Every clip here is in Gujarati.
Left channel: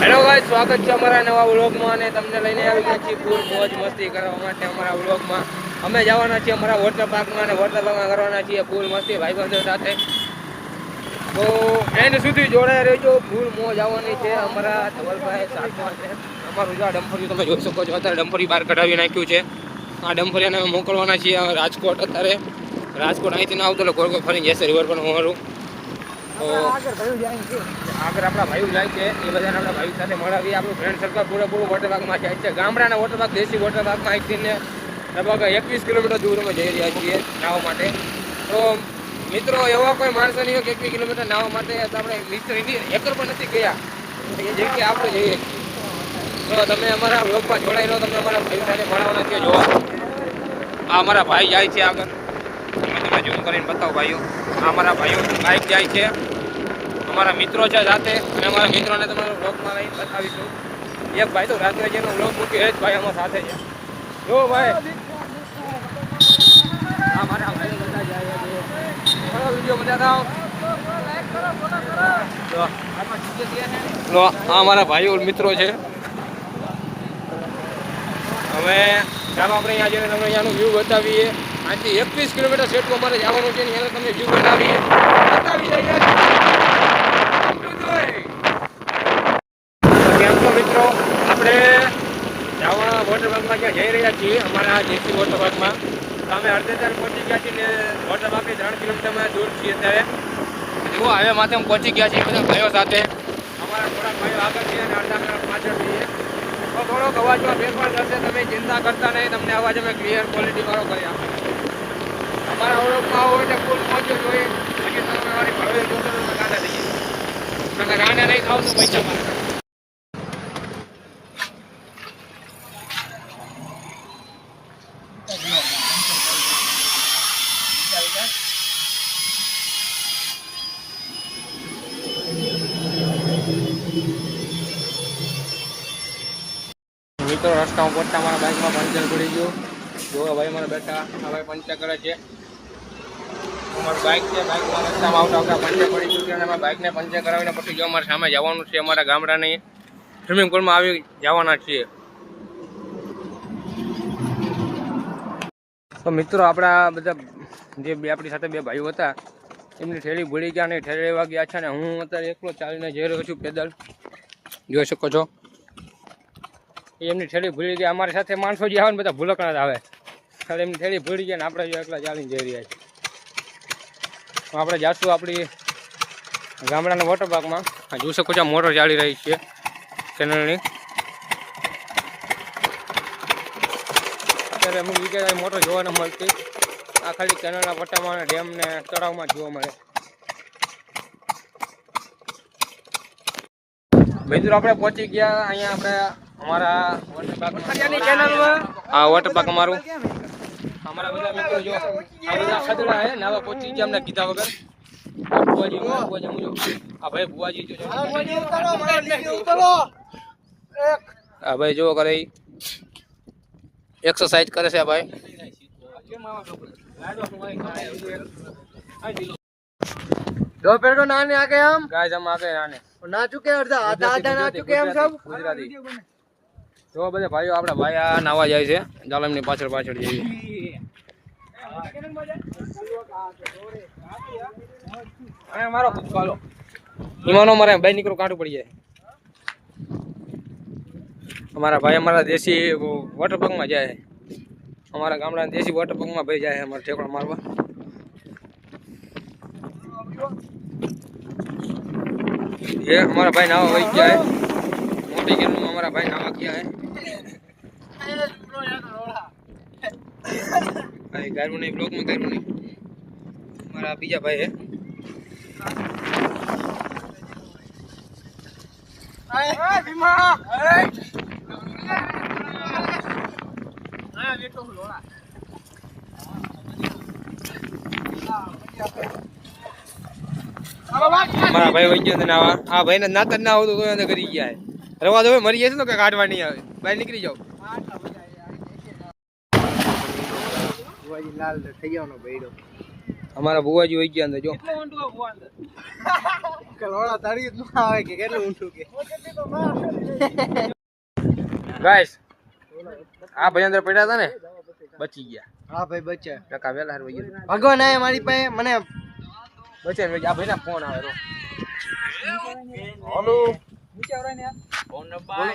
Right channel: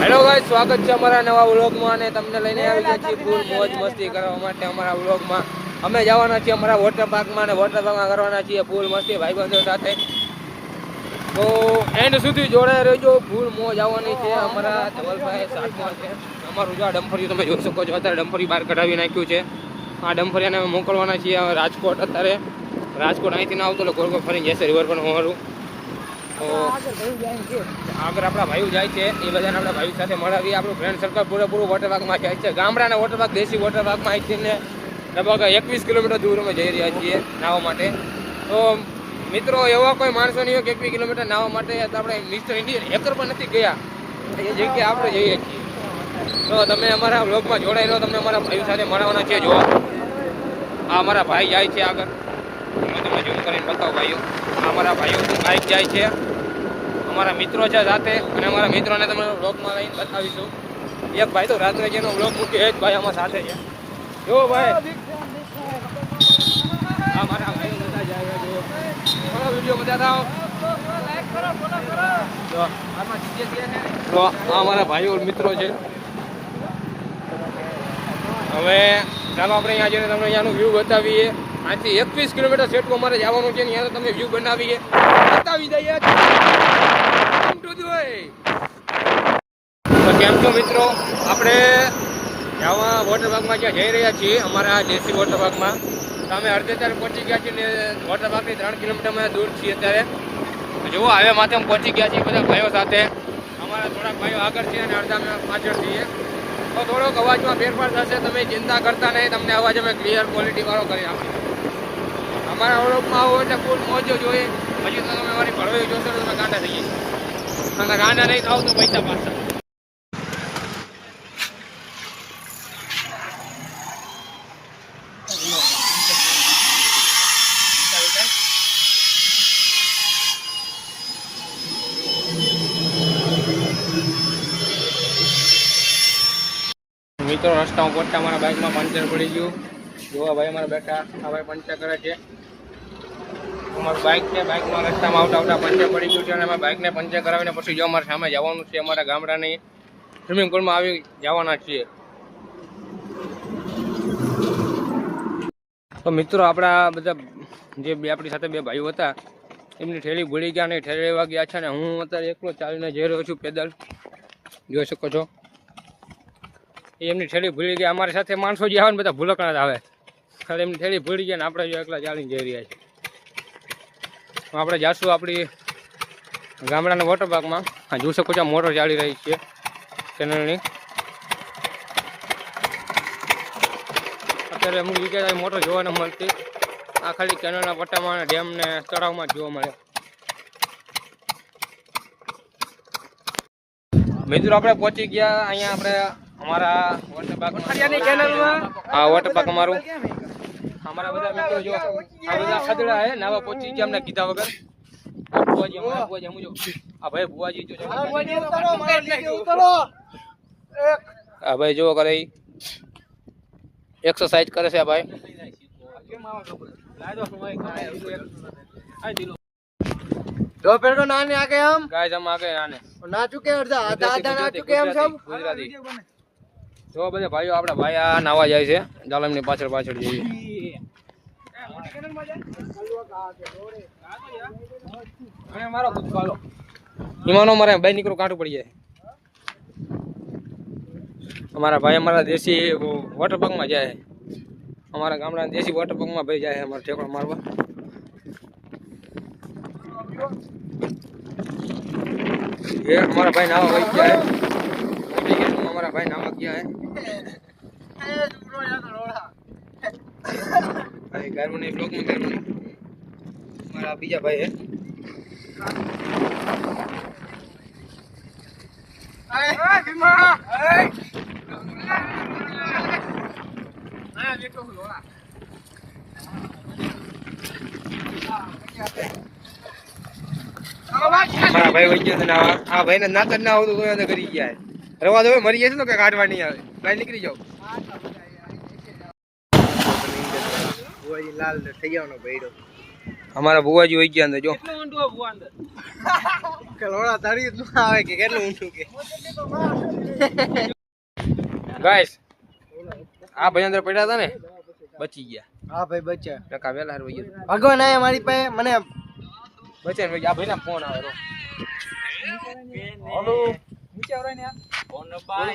હેલો ગાઈસ, સ્વાગત છે અમારા નવા વ્લોગમાં અને તમને લઈને આવી ગયા છીએ ફૂલ મોજ મસ્તી કરવા માટે અમારા વ્લોગમાં. અમે જવાના છીએ અમારા વોટર પાર્કમાં અને વોટર પાર્કમાં કરવાના છીએ ફૂલ મસ્તી ભાઈબંધો સાથે. તો એન્ડ સુધી જોડાઈ રહેજો. ફૂલ મોજ આવવાની છે. અમારા ધવલભાઈ સાથમાં છે. અમારું જો આ ડમ્ફરી તમે જોઈ શકો છો. અત્યારે ડમ્ફરી બહાર કઢાવી નાખ્યું છે. આ ડમ્ફરીને અમે મોકલવાના છીએ રાજકોટ. અત્યારે રાજકોટ અહીંથી ના આવતું એટલે ગોળ ગોળ ફરીને જશે રિવર પણ અમારું. તો આગળ આપણા ભાઈઓ જાય છે એ બધાને આપણા ભાઈઓ સાથે મળાવીએ. આપણું ફ્રેન્ડ સર્કલ પૂરેપૂરું વોટર પાર્કમાં જાય છે. ગામડાના વોટર પાર્ક, દેશી વોટર પાર્કમાં અહીંથી લગભગ 21 કિલોમીટર દૂર અમે જઈ રહ્યા છીએ નાહવા માટે. તો મિત્રો એવા કોઈ માણસો નહીં હોય કે 21 કિલોમીટર નાહવા માટે આપણે મિત્ર એકર પણ નથી ગયા એ જગ્યાએ આપણે જઈએ છીએ. તો તમે અમારા વ્લોગમાં જોડાઈ રહો. તમને અમારા ભાઈ સાથે મળવાના છે. જોવા આ અમારા ભાઈ જાય છે આગળ. તમે ઝૂમ કરીને બતાવો ભાઈઓ. અમારા ભાઈઓ બાઇક જાય છે. અમારા મિત્રો છે સાથે અને અમારા મિત્રોને તમે વ્લોગમાં લઈને બતાવીશું. એક ભાઈ તો રાત્રે જેનો વ્લોગ મૂક્યો એ જ ભાઈ અમારા સાથે છે. જો ભાઈ અમારા ભાઈઓ બધા જાય. જો વિડીયો મજા આવો. આ અમારા ભાઈઓ મિત્રો છે. હવે ચાલો આપણે અહીંયા જઈને તમને અહીંયાનું વ્યૂ બતાવીએ. અહીંથી 21 કિલોમીટર જેટલું અમારે જવાનું છે. અહીંયા તમને વ્યૂ બતાવી દઈએ. તો કેમ છો મિત્રો, આપણે જવા વોટર પાર્કમાં ક્યાં જઈ રહ્યા છીએ અમારા દેશી વોટર પાર્કમાં. તો અમે અડધે ત્યારે પહોંચી ગયા છીએ ને વોટર પાર્કથી 3 કિલોમીટર દૂર છીએ. અત્યારે જુઓ હાઈવે માથે અમે પહોંચી ગયા છીએ બધા ભાઈઓ સાથે. અમારા થોડાક ભાઈઓ આગળ છીએ અને અડધા પાછળ છીએ. તો થોડોક અવાજમાં ફેરફાર થશે. તમે ચિંતા કરતા નહીં, તમને અવાજ અમે ક્લિયર ક્વોલિટીવાળો કરી આપીએ. અમારા વ્લોગમાં આવો એટલે ફૂલ મોજ જોઈએ. પછી તમે અમારી ભળવી જોશો તો તમે કાંટા દઈએ. તમે રાના નહીં ખાવ તો પૈસા મારતા. મિત્રો રસ્તામાં પહોંચતા અમારા બાઇકમાં પંચર પડી ગયું. જોવા ભાઈ અમારા બેટા આ ભાઈ પંચર કરે છે. અમારું બાઇક છે, બાઇકમાં રસ્તામાં આવતા પંચર પડી ગયું છે અને અમે બાઇકને પંચર કરાવીને પછી જો અમારે સામે જવાનું છે. અમારા ગામડાની સ્વિમિંગ પુલમાં આવી જવાના છીએ. તો મિત્રો આપણા બધા જે આપણી સાથે બે ભાઈઓ હતા એમની ઠેલી ભૂલી ગયા ને ઠેલી લેવા ગયા છે ને હું અત્યારે એકલો ચાલીને જઈ રહ્યો છું પેદલ. જોઈ શકો છો એમની ઠેલી ભૂલી ગયા. અમારી સાથે માણસો જે આવે ને બધા ભૂલકણા જ આવે. ખાલી એમની ઠેલી ભૂલી ગયા ને આપણે જો એકલા ચાલીને જઈ રહ્યા છીએ. આપણે જાશું આપણી ગામડાના વોટર પાર્કમાં. જોઈ શકો છો મોટર ચાલી રહી છે કેનલની. અત્યારે અમુક જગ્યાએ મોટર જોવા ન મળતી. આ ખાલી કેનલના પટ્ટામાં ડેમ ને તળાવમાં જોવા મળે. મિત્રો આપણે પહોંચી ગયા અહીંયા આપણે અમારા વોટર પાર્કમાં. આ વોટર પાર્ક અમારું. અમારા બધા મિત્રો જો આ બધા ખદડા હે નાવા પહોંચી ગયા અમને કીધા વગર. બુવાજી આ ભાઈ બુવાજી જો આ ભાઈ જો કરે એક્સરસાઇઝ કરે છે આ ભાઈ. दो पेड़ को नाने आके हम गाइस हम आके नाने ना चुके आधा ना चुके हम सब गुजराती. જો બધા ભાઈઓ આપણા ભાઈ આ નાવા જાય છે. ચાલો એમની પાછળ પાછળ જઈએ. ઈમાનો મારે બાઈ નીકળો કાંટું પડી જાય. અમારા ભાઈ અમારા દેશી વોટર પાર્કમાં જાય. અમારા ગામડાના દેશી વોટર પાર્કમાં ભાઈ જાય અમારા ઠેકડા મારવા. ये हमारा भाई नावा वही क्या है मोटी के हमारा भाई नावा क्या है भाई गायब नहीं ब्लॉग में गायब नहीं. हमारा बीजा भाई है. મારા ભાઈ વહી ગયો નાવા. આ ભાઈ ને નાત ના આવતું તો એને કરી ગયા. રવા દો મરી જશે ને કે કાઢવા નહીં આવે. ભાઈ નીકળી જાઓ. લાલ થઈ જવાનો ભાઈડો અમારા બુવાજી હોય ગયા અંદર જો ગાઈસ આ ભાઈ અંદર પડ્યા હતા ને બચી ગયા. હા ભાઈ બચ્યા ટકા વેલા હાર વઈ ભગવાન આયા મારી પાસે મને બચે ને આ ભાઈના ફોન આવે રો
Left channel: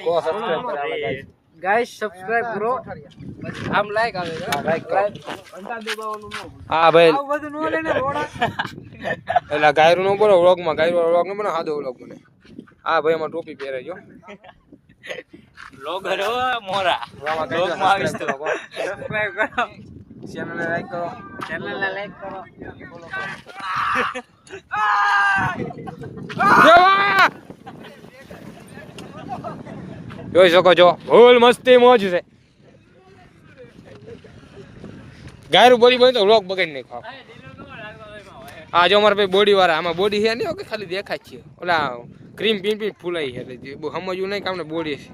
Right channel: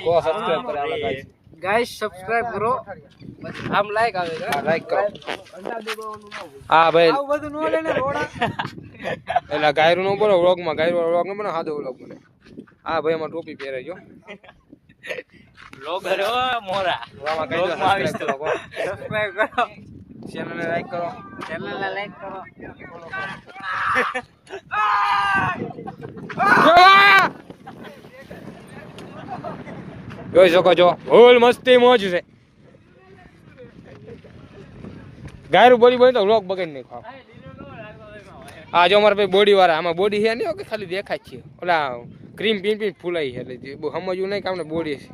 કો સબસ્ક્રાઇબ કરે આલા ગાઈસ. ગાઈસ સબસ્ક્રાઇબ કરો આમ લાઈક આવે હા લાઈક કરો. ઘંટા દબાવવાનું ન હોય હા ભાઈ આવું બધું નો લેને રોડા એટલે ગાયરું નો બોલો વ્લોગમાં ગાયરું વ્લોગ નો બનો સાદો વ્લોગ બને. હા ભાઈ એમાં ટોપી પહેરે જો બ્લોગર હો મોરા આમાં કઈ સબસ્ક્રાઇબ કરો કો સબસ્ક્રાઇબ કરો ચેનલ ને લાઈક કરો ચેનલને લાઈક કરો જોઈ શકો છો ફૂલ મસ્તી મોજ છે. ગાયરું બોડી બની તો વ્લોગ બગાડી નહીં ખાવ. આ જો અમારા ભાઈ બોડી વાળા આમાં બોડી છે નહીં ખાલી દેખાય છે ઓલા ક્રીમ પીન પીન ફૂલાઈ છે એટલે બહુ સમજવું નહીં કે આપણે બોડી છે.